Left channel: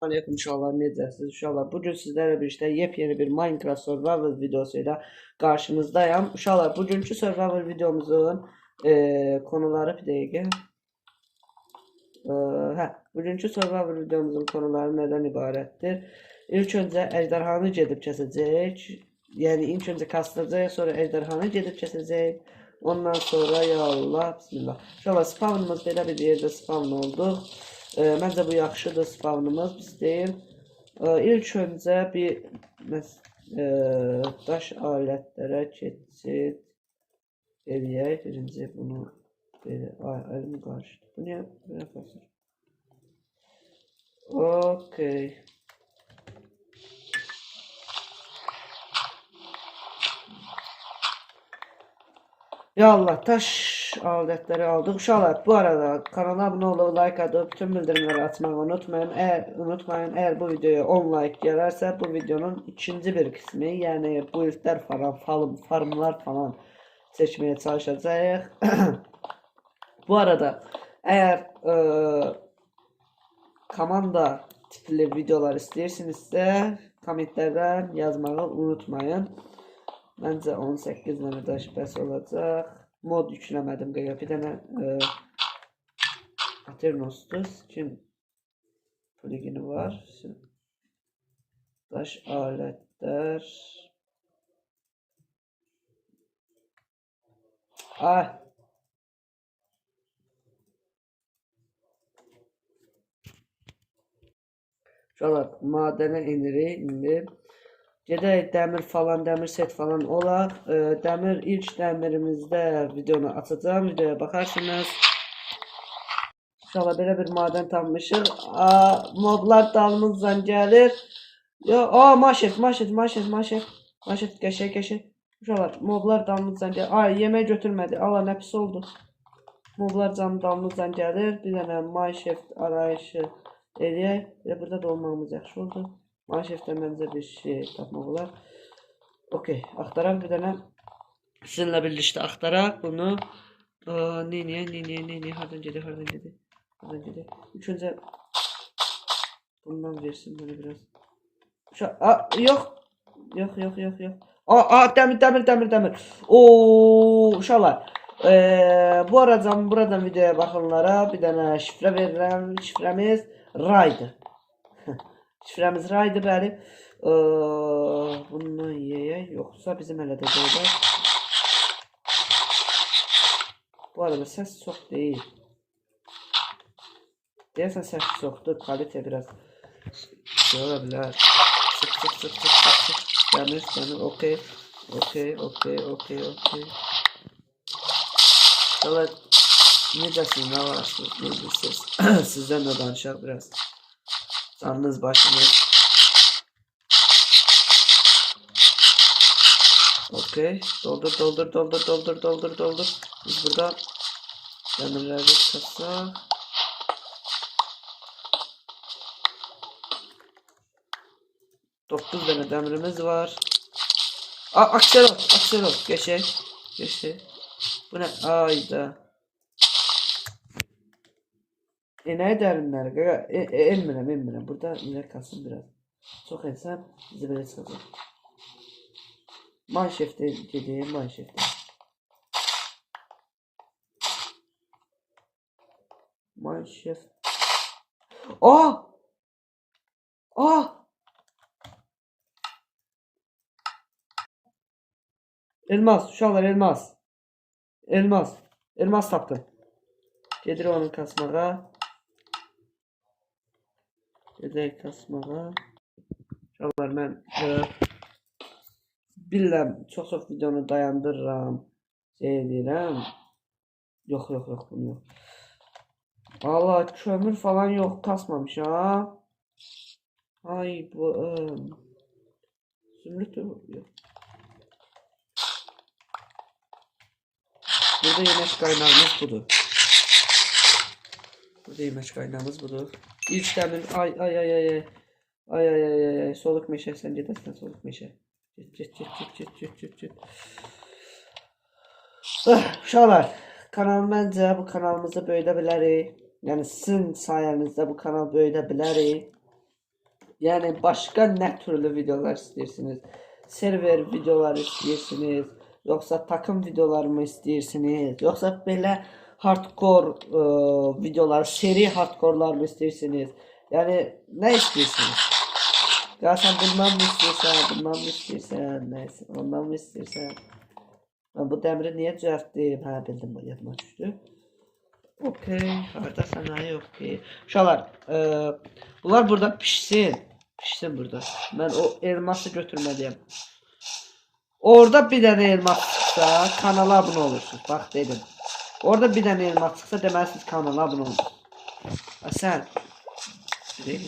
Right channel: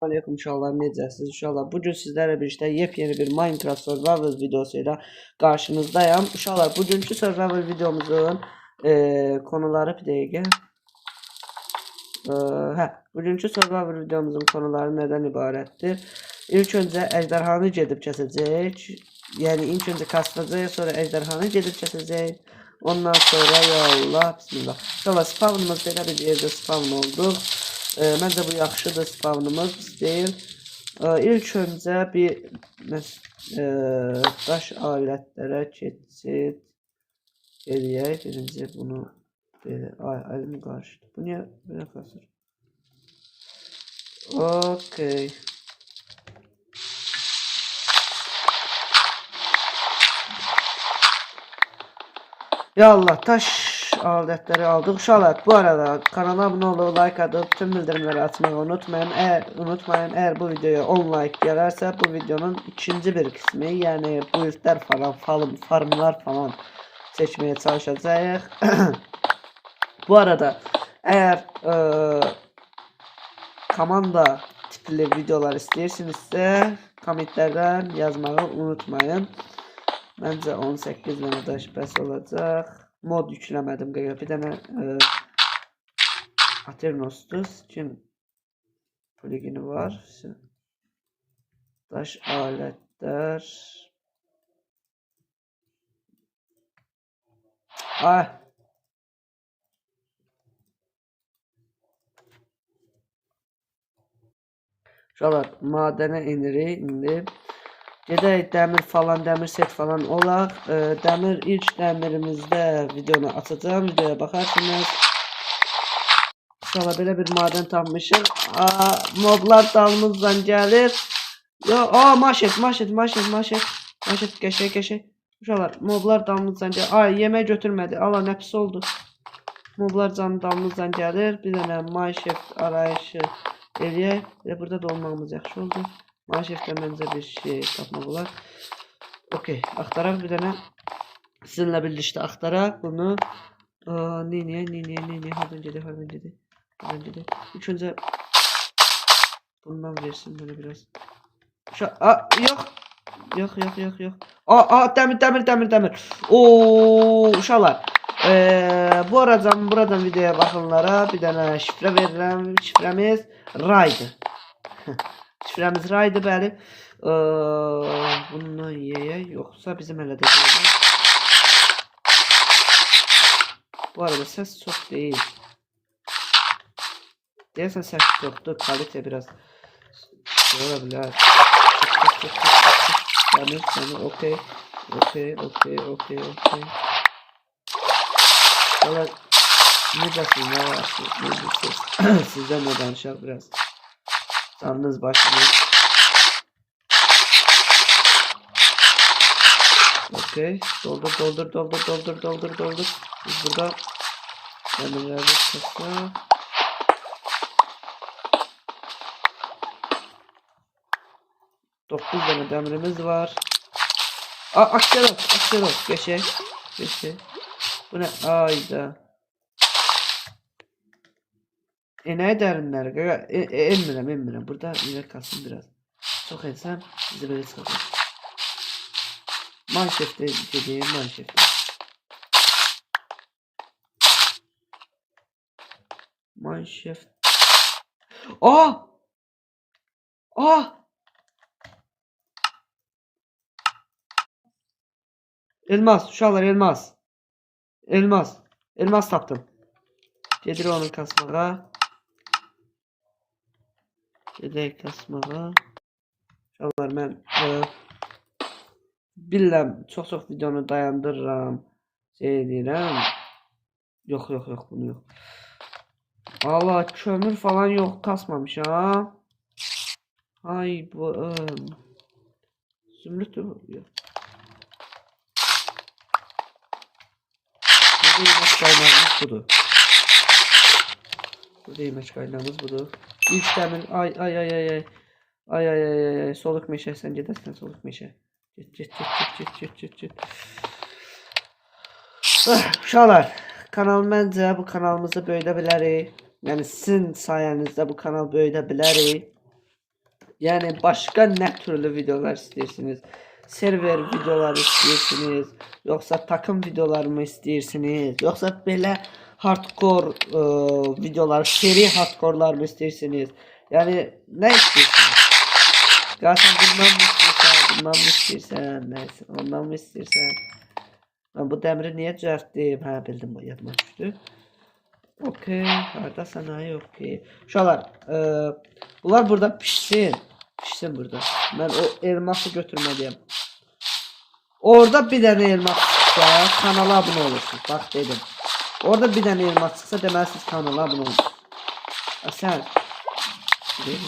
Aleyküm inşallah necəsiniz? İnşallah bugün sizlerle birlikte yepyeni bir Minecraft Survival videosuyla karşınızdayım. İnşallah bugünkü Survival videomuzun konuları bir dakika. Bugünkü Survival videomuzun konuları neden ibarettir? İlk önce ejderhanı gedib kəsəcək. Yani ilk önce kasılacaq, sonra ejderhanı gedib kəsəcək. Ondan sonra ya Allah, bismillah. Sonra spawnımız belə bir yerde spawn oldu. Məncə bu yaxşıdır spawnımız deyil. İlk öncə bir daş alətlərə keçid eləyək. Birinci bunu belə əlim qarışdı. Bu niyə belə qalır? Okay. Ya Allah, taş aletleri aldık. Uşaqlar, bu arada kanala abone olup like atıp tüm bildirimleri açmayı unutmayın. Eğer bu videoya 10 like gelirse bu videonun ikinci bir kısmı, yani buildler falan, farmlar falan seçmeye çalışacağız. Bu arada eğer komanda tipli videolar istəyirsinizsə komentlərdən yazmayı unutmayın. Bence 18 tane daş bəs olacaq. Mod yükləmədim qaqa. Bir dənə Aternos'tur. Skin plugini var. Daş aletlər. Ay. Şöyle madene inirik indi. Gedək dəmir falan, dəmir set falan olaq. Dəmir ilk dəmirimizdə videonu açacağım. Videoya baxarsınız. Sonra belə bir maden tapmışıq. Modlar dalımızdan gəlir. Maşet qəşək. Uşaqlar, moblar dalımızdan gəlir. Yemək götürmədi. Allah, nə pis oldu. Moblar dalımızdan gəlir. Bir dənə maşet arayışı eləyək. Burada da olmamız yaxşı oldu. Maşeften bence bir şey tapmaq olar. Okey, axtaraq bir dənə. Sizinlə birlikdə axtaraq bunu. Ne? Hardan gedir? İlk önce bundan versin bana biraz. Yok. Demir. Uşaqlar. Buradan videoya baxanlara bir dənə şifrə verirəm. Şifrəmiz Ray'dır. Şifrəmiz Ray'dır, bəli. Bundan yeyək, yoxsa bizim hələ də qoyaq. Bu arada ses çok değil. Deyəsən ses çoxdur, kalite biraz şey olabilir. Çık. Demir, okey. Valla ne desin, ne varsınız, ne dersiniz? Sizden de danışaq biraz. Canınız başınız. Okey. Doldur. Biz burada demirleri kasa. Dokuz tane demirimiz var. Akselot. Geçe. Bu ne? Ayda. Ne derinler? Emmirəm. Burada inek kalsın biraz. Çok ensem bizi böyle sıkılır. Manşefte dediğim manşefte. Manşeft. Elmas, uşaqlar, elmas tapdım. Gedir onun kasmağa. Gedək kasmağa. Uşaqlar, mən bilirəm, çox videonu dayandırıram. Şey edirəm. Yok, bunu yok. Allah, kömür falan yok, kasmamış ha. Ay bu zümrüt yok. Burada yemek kaynağımız budur. İlk demir, ay, soluk meşe, sen gidersen soluk meşe. Git. Uşaqlar, bu kanalımızı böyüdə bilərik. Yəni sizin sayenizdə bu kanal böyüdə bilərik. Yəni başqa nə türlü videolar istəyirsiniz? Server videoları istəyirsiniz, yoxsa takım videoları mı istəyirsiniz, yoxsa belə hardcore videolar, seri hardcore'lar mı istəyirsiniz? Yəni nə istəyirsiniz? Qarsan bundan mı istəyirsən, bundan mı istəyirsən, nəysə, ondan mı istəyirsən? Bu dəmiri niyə düzəltdim? Hə, bildim, bu yadıma düşdü. Okey, haradasan, hə, okey. Uşaqlar, bunlar burada pişsin. Pişsin burada. Mən o elması götürməliyəm. Orada bir dənə elmas çıxsa, kanala abunə olursunuz. Bax, dedim. Orada bir dənə elmas çıxsa, deməli siz kanala abunə olursunuz. Sən. Deyim.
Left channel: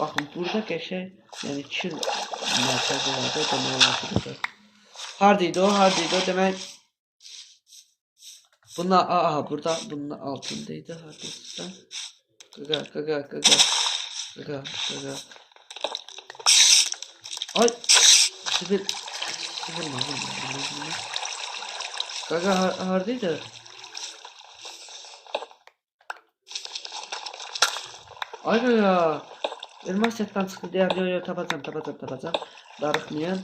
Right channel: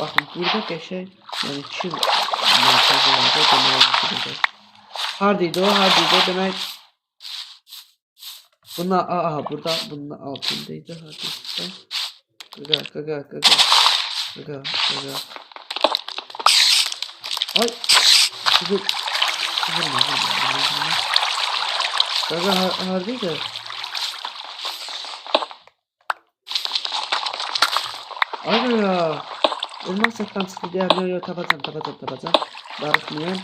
Baxın, burada qəşəng, yəni 2 mərkəzlərdə demək olar. Hardaydı o, hardaydı o, demək. Bunlar, aha, burada, bunun altındaydı, hardaydı. Qaqa. Ay, sizin, qaqa, hardaydı? Ay ya, elmas setdən çıxdı deyəm, yo, tapacam. Darıxmayayım.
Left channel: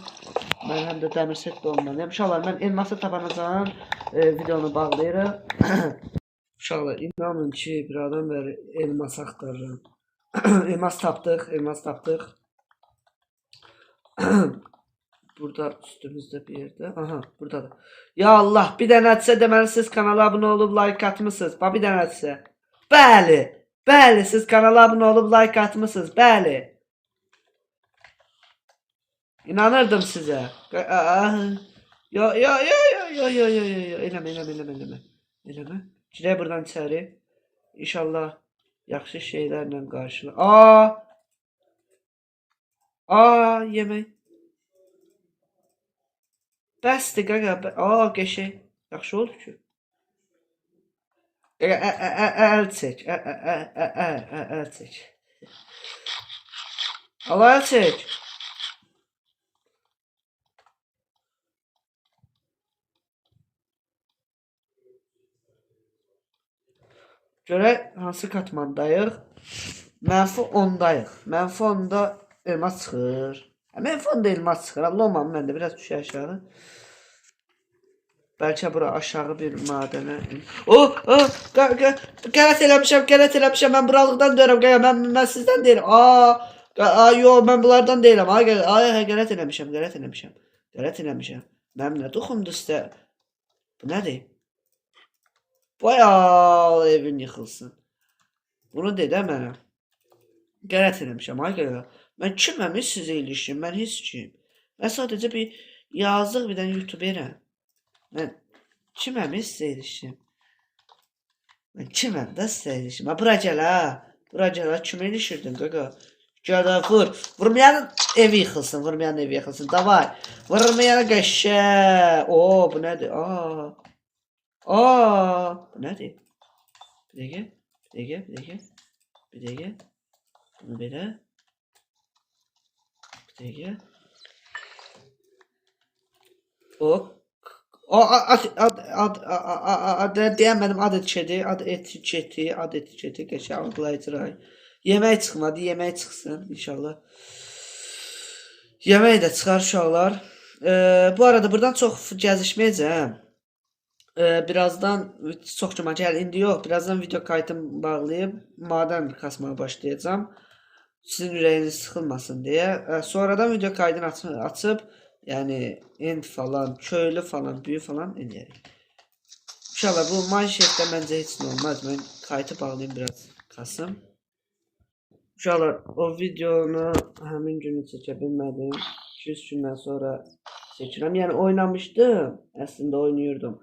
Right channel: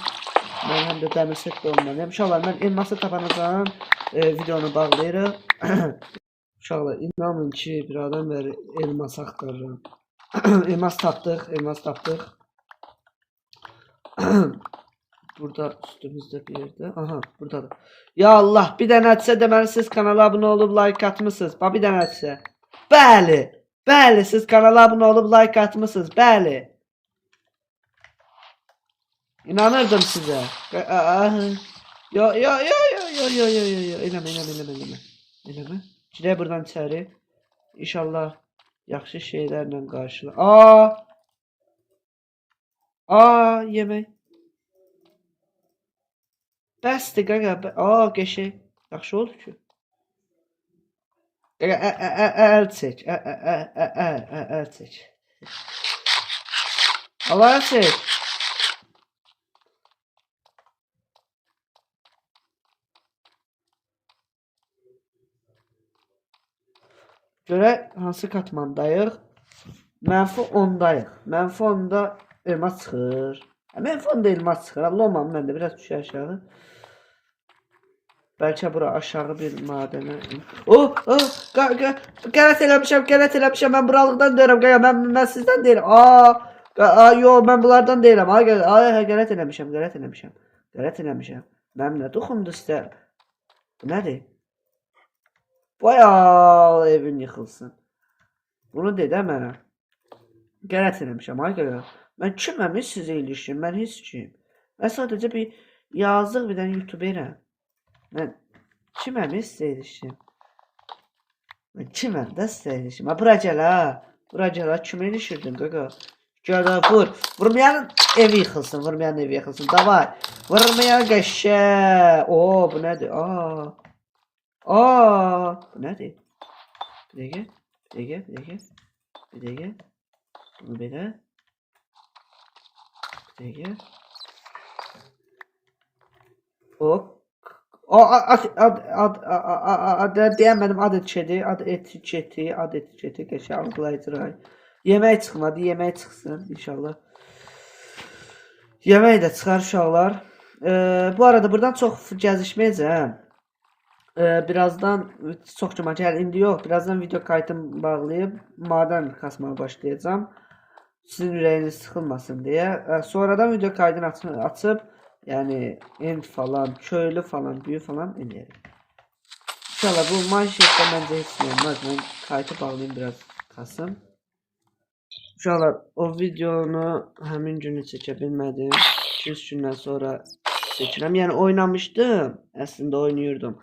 Mən həm də dəmir set də olmalıyım. Uşaqlar, mən elması tapanacağım, videonu bağlayırıq. Uşaqlar, inanın ki, bir adam bəri elmas axtarırım. elmas tapdıq. Burada üstümüzdə bir yerdə. Aha, buradadır. Ya Allah, bir dənədirsə deməli siz kanala abunə olub like atmısınız. Bax, bir dənədirsə. Bəli, siz kanala abunə olub like atmısınız. Bəli. İnanırdım sizə. Yo. Eləmə. Girək buradan içəri. İnşallah yaxşı şeylərlə qarşıla. Yemək. Bəsdir qaqa. Qəşəng. Yaxşı oldu ki. Qaqa, əl çək. Əl çək. Allah əl çək. Görək hansı katmandayıq? Mənfi 10'dayıq. Mənfi 10'da elmas çıxır. Mənfi 10'da elmas çıxır. Allah olmam, mən də biraz düşə aşağı. Bəlkə bura aşağı bir madənə. Qələt eləmişəm. Mən buralıqdan deyirəm. Mən sizdən deyirəm. Yo, mən bunlardan deyirəm. Qələt eləmişəm. Mənim nə toxumdur sizə? Bu nədir? Bayağı evin yıxılsın. Bunu de də mənə. Qələt eləmişəm. Mən kiməm, sizə ilişim. Mən heç kim. Mən sadəcə bir yazıq bir dənə youtuberəm. Mən kiməm, sizə ilişim. Mən kiməm də sizə ilişim. Bura gəl ha. Kimə ilişirdin qaqa? Gəl ha, vur. Vurmayan evi yıxılsın. Davay. Vurmayan qəşə. Bu nədir? Bu nədir? Bir dəqiqə. Bunu belə. Bir dəqiqə. Hop. Deyəmədim, ad etiketi. Qəşəng algılayıcı. Yemək çıxmadı, yemək çıxsın inşallah. Yemək də çıxar uşaqlar. Bu arada buradan çox gəzişməyəcəm. Birazdan çox cuma gəl, indi yox. Birazdan video kaydımı bağlayıb madən kasmaya başlayacağım. Sizin ürəyiniz sıxılmasın deyə. Sonradan video kaydını açıb, yəni end falan, köylü falan, büyü falan eləyərik. İnşallah bu manşetdə məncə heç nə olmaz. Mən kaydı bağlayayım biraz kasım. Uşaqlar, o videonu həmin günü çəkə bilmədim. 2-3 gündən sonra çəkirəm. Yəni oynamışdım, əslində oynayırdım.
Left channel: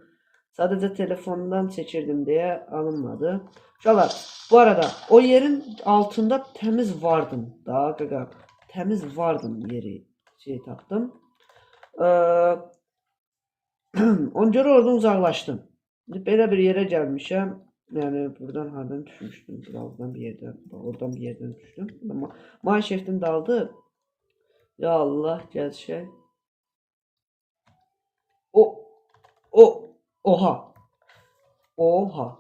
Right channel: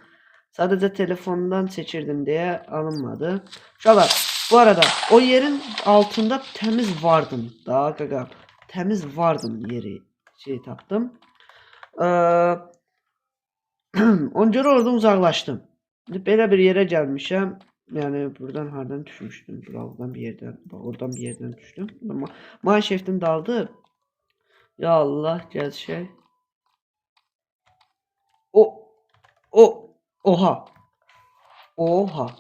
Sadəcə telefondan çəkirdim deyə alınmadı. Uşaqlar, bu arada o yerin altında təmiz vardım da qaqa. Təmiz vardım yeri tapdım. Ona görə oradan uzaqlaşdım. Belə bir yerə gəlmişəm. Yəni buradan hardan düşmüşdüm? Buradan bir yerdən, bax oradan bir yerdən düşdüm. Mineshaft'in daldı. Ya Allah, gəl. Oha.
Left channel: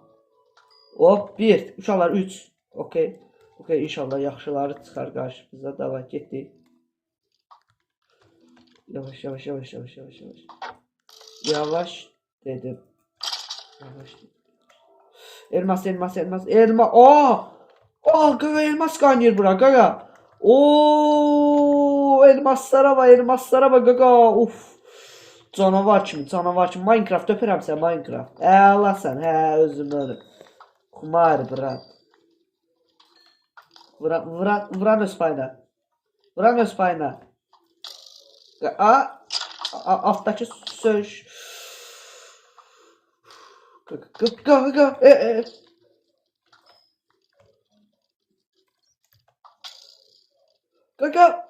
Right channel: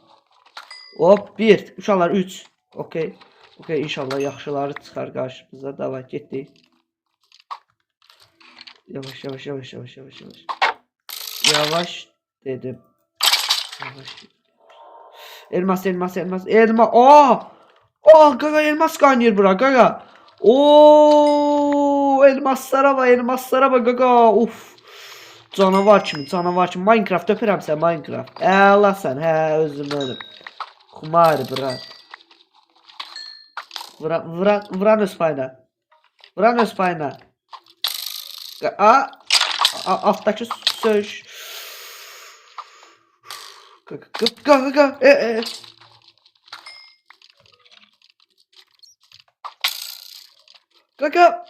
Hop 1. Uşaqlar 3. Okey. Okay, inşallah yaxşıları çıxar qarşımıza. Davay getdik. Yavaş yavaş yavaş yavaş yavaş yavaş. Yavaş dedim. Yavaş. Elmas elmas elmas elma. Aa! Aa gaga elmas kaynıyor bura gaga. Oo elmaslara bak gaga. Uf. Canavar kimi Minecraft öpürəm sən Minecraft. Allah sən hə özüm ölüm. Xumar bura. Vuran öz payına. Vuran öz payına. Alttaki söz. Gaga. Gaga.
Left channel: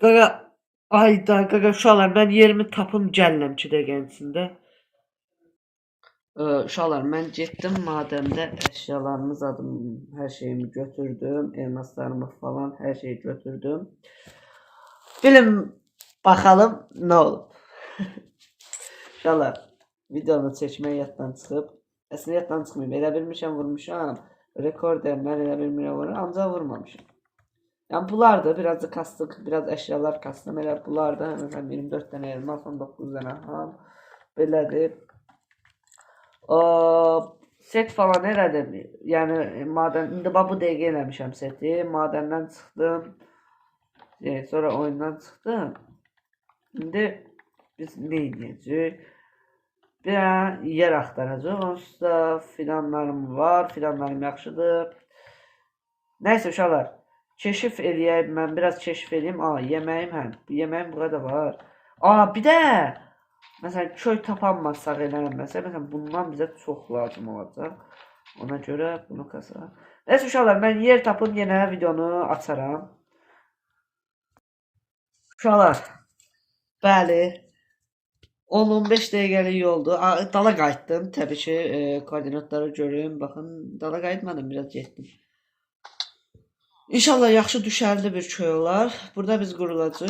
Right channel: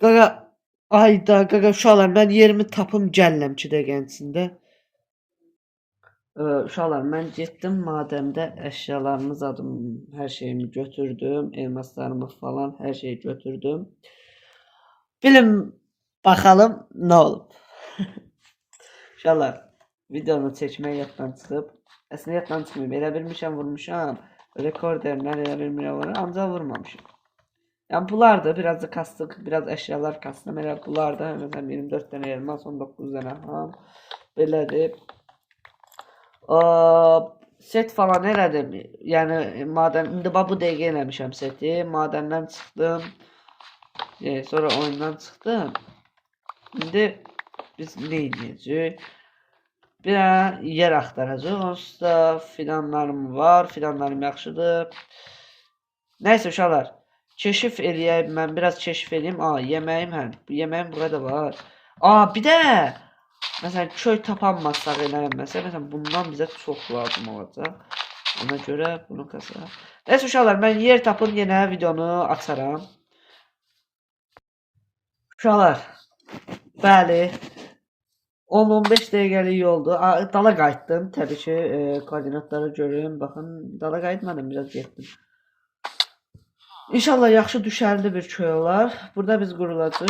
Gaga. Ayda gaga uşaqlar mən yerimi tapım gəlirəm 2 dəqiqənin içində. Uşaqlar mən getdim madəndə əşyalarımı zadım, hər şeyimi götürdüm, elmaslarımı falan hər şeyi götürdüm. Bilin bakalım nə olub. Uşaqlar videonu çəkmək yaddan çıxıb. Əslində yaddan çıxmayıb. Elə bilmişəm vurmuşam. Rekorderdən elə bilmirəm, ancaq vurmamışam. Yani bunlar da biraz da kastıq, biraz eşyalar kastım. Elə bunlar da məsələn 24 dənə elmas, 19 dənə ham. Belədir. Set falan elədim. Yəni madən indi bu dəqiqə eləmişəm seti. Madəndən çıxdım. Sonra oyundan çıxdım. İndi biz nə edəcəyik? Bir yer axtaracağıq. Onsuz da filanlarım var. Filanlarım yaxşıdır. Nəysə uşaqlar. Keşif eləyəm, mən biraz keşif eləyim. Yeməyim həm. Yeməyim burada var. Bir də məsələn köy tapanmazsaq eləməsə, məsələn bundan bizə çox lazım olacaq. Ona görə bunu kasaq. Nəysə uşaqlar, mən yer tapıb yenə videonu açaram. Uşaqlar, bəli. 10-15 dəqiqəlik yoldu. Dala qayıtdım. Təbii ki, koordinatları görün. Baxın, dala qayıtmadım, biraz getdim. İnşallah yaxşı düşərli bir köy olar. Burada biz qurulacaq.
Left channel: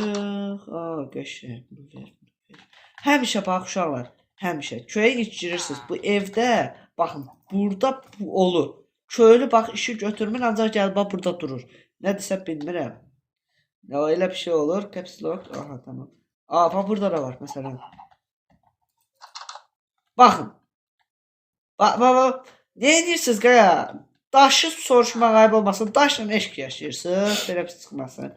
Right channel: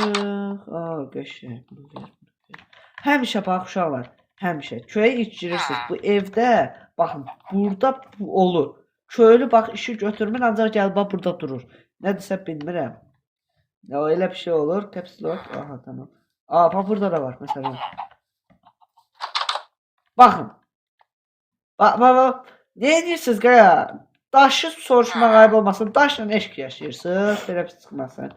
Qəşəng. Həmişə bax uşaqlar, həmişə köyə ilk girirsiniz. Bu evdə baxın, burada bu olur. Köylü bax işi götürmür, ancaq gəlib bax burada durur. Nə desə bilmirəm. Elə bir şey olur. Caps lock. Tamam. Bax burada da var məsələn. Baxın. Bax. Nə edirsiniz qaya? Daşı soruşmaq ayıb olmasın. Daşla eşq yaşayırsınız. Belə pis çıxmasın.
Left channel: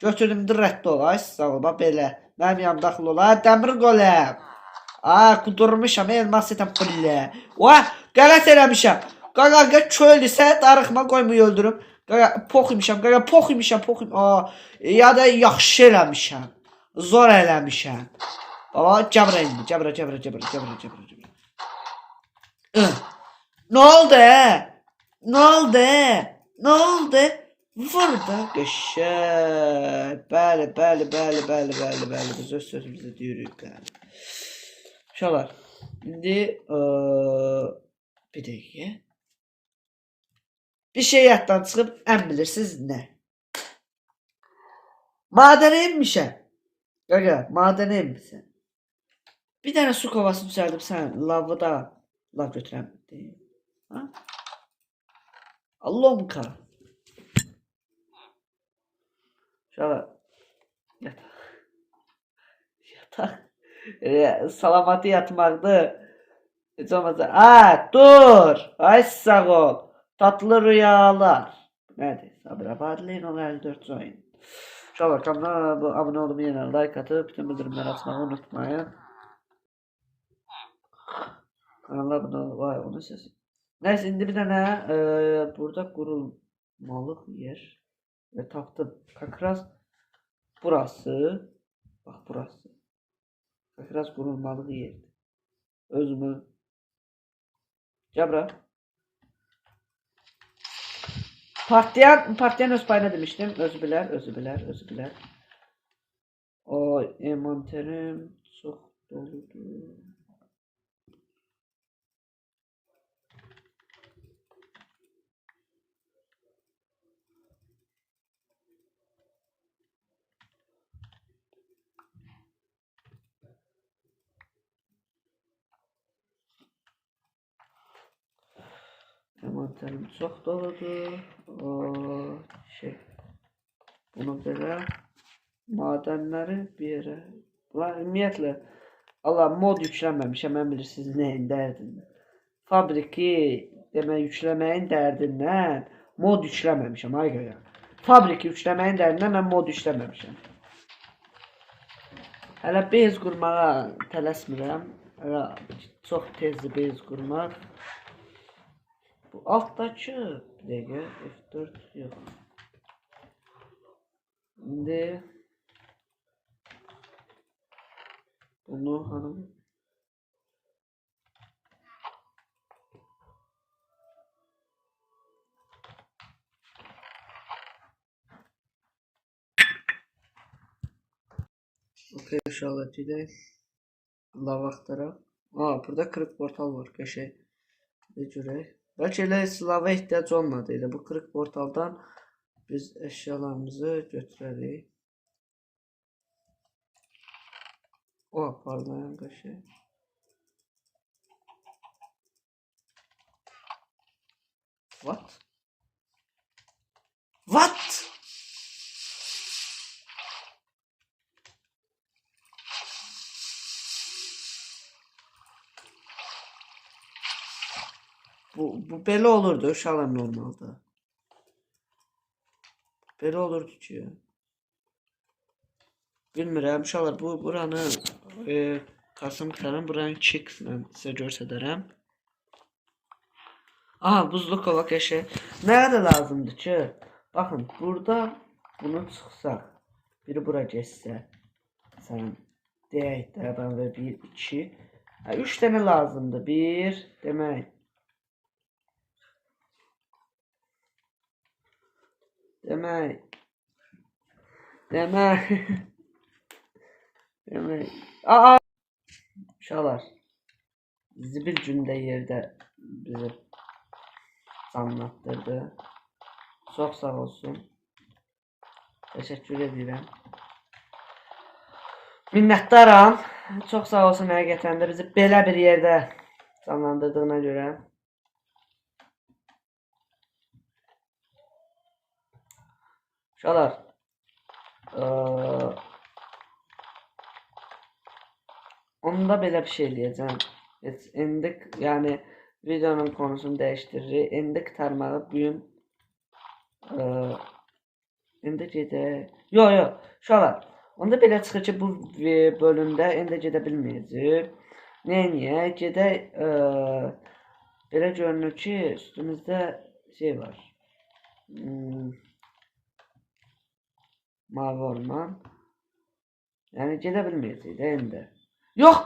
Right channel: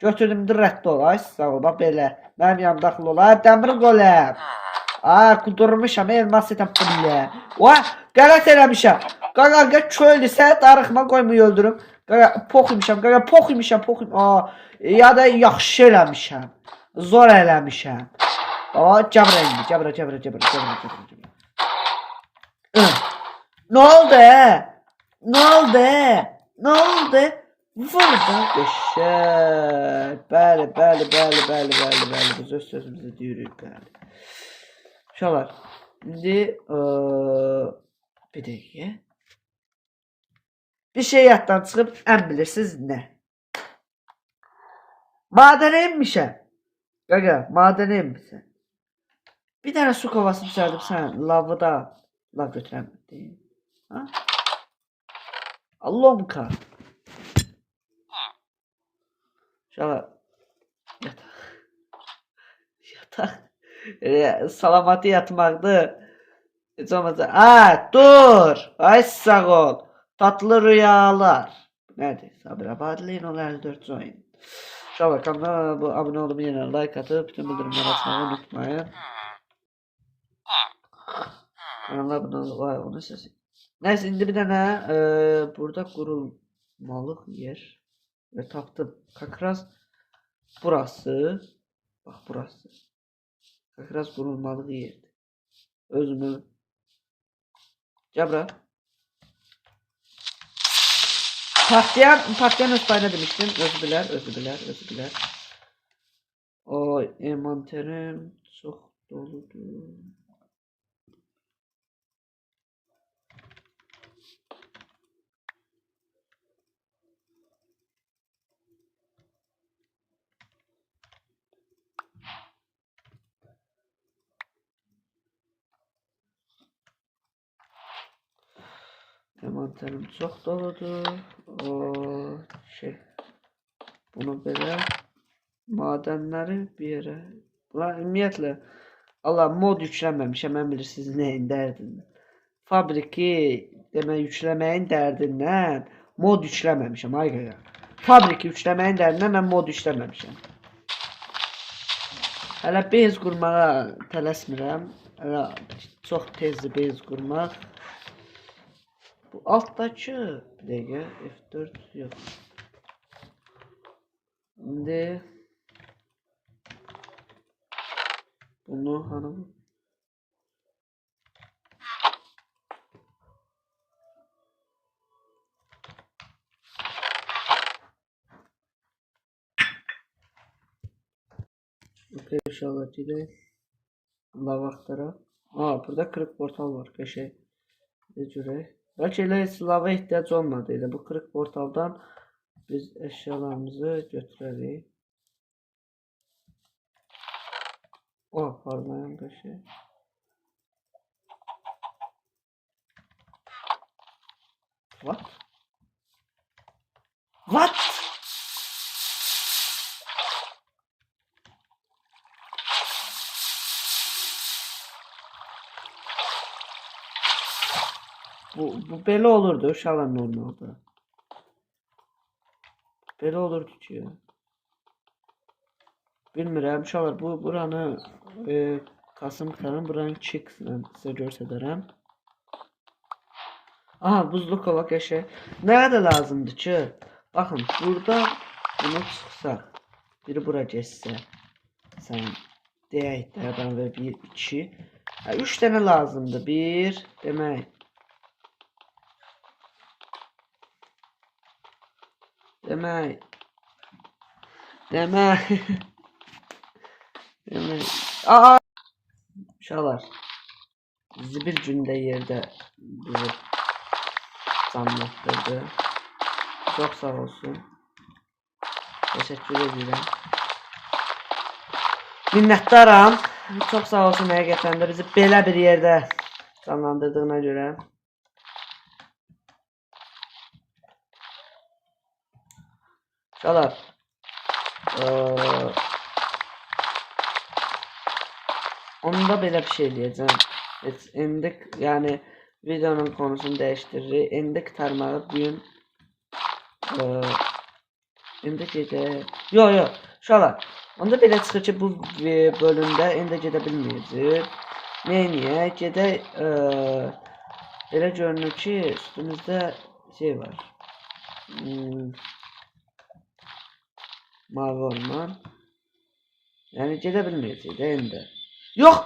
Götürdüm rədd olay. Sağ ol. Bax belə. Mənim yanım daxil olay. Dəmir goləm. Qudurmuşam. Elmas etəm belə. Qələt eləmişəm. Qaqa köylüsə darıxma qoymuyor öldürüm. Qaqa pox imişəm. Ya da yaxşı eləmişəm. Zor eləmişəm. Cəbrə indi. Cəbrə. Ne oldu? Ne oldu? Burada qəşəng. Bəli. Biz öz sözümüzü deyirik, bəli. Uşaqlar, indi bir dəqiqə. Bir şey yaddan çıxıb, ən bilirsiniz nə? Madənə inmişəm. Qaqa, madənə inmişəm. Bir dənə su kovası düzəldim sən, lavı da lav götürəm. Allomka. Uşaqlar, yataq. Salamatı yatmaqdır. Heç olmazsa. Dur. Ay sağ ol. Tatlı rüyalar. Nədir? Sabir abadləyin ol 54 oyun. Uşaqlar, kanala abunə olub yenə like atıb, bütün bildirimləri açmağı unutmayın. Kanala abunə olub, onu səsi. Neyse, indi bir dənə burada qurulmalıq yer və tapdım. Kakraz burası. Bax burası. Kakraz qurulmalıq yerdir. Özümü. Cəbra. Partlayan öz payına demiştim. Özü bilər. Envanterim çox doludur. envanterim çox doludur. O şey. Bunu belə madenləri bir yerə. Bunlar ümumiyyətlə Allah mod yükləməmişəm. Mən bilirsiniz nəyin dərdin. Fabriki demək yükləməyin dərdindən mod yükləməmişəm. Ay qaqa. Fabriki yükləməyin dərdindən mən mod yükləməmişəm. Hələ bez qurmağa tələsmirəm. Hələ çox tezdir bez qurmaq. Bu altdakı bir dəqiqə F4 yox. İndi bunu hanım okey inşallah gidelim. Lava axtaraq. Burada kırık portal var. Qəşəng. Bir görək. Bəlkə elə silava ehtiyac olmadı. Elə bu kırık portaldan biz əşyalarımızı götürərik. Parlayan qəşəng. What? What? Bu belə olurdu uşaqlar normalda. Belə olurdu ki ya. Bilmirəm uşaqlar buranı Kasım qurtaram buranı kickslə sizə göstərərəm. Buzlu kova qəşəng. Nəyə də lazımdır ki? Baxın burada bunu çıxsaq. Biri bura geçsə. Sən deyək də və 1 2 3 dənə lazımdır. 1 demək. Demək. Uşaqlar. Bizi bir gündə yerdə bizi canlandırdı. Çox sağ olsun. Təşəkkür edirəm. Minnətdaram. Çox sağ olsun həqiqətən də bizi belə bir yerdə canlandırdığına görə. Uşaqlar. Onda belə bir şey deyəcəm. İndi yəni videonun konusunu dəyişdiririk. İndi qurtarmağı bugün indi gedək. Yox. Uşaqlar. Onda belə çıxır ki bu bölümdə indi gedə bilməyəcək. Niyə? Gedək belə görünür ki üstümüzdə şey var. Mavi orman. Yəni gedə bilməyəcək də indi. Yox.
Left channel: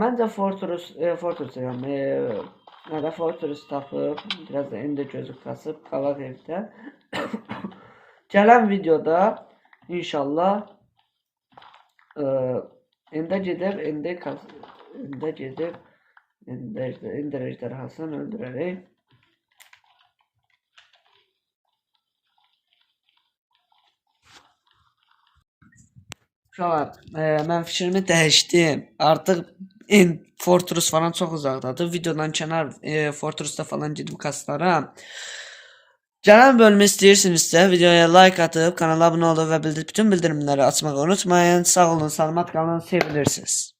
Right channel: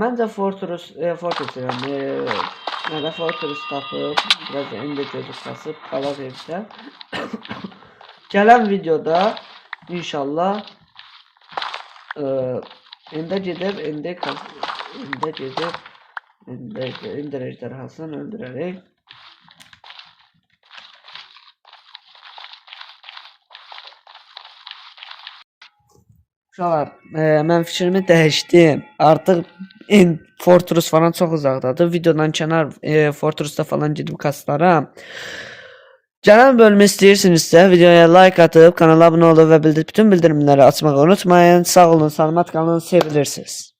Məncə Fortress tapıb biraz da indi gözü kasıb qala versə. Gələn videoda inşallah indi gedib indi ejderhasını öldürərək. Uşaqlar, mən fikrimi dəyişdim. Artıq Fortress falan çox uzaqdadır. Videodan kənar Fortress'da falan gedib kaslara. Gələn bölümü istəyirsinizsə videoya like atıb kanala abunə olub və bütün bildirimləri açmağı unutmayın. Sağ olun, salamat qalın, sevilirsiniz.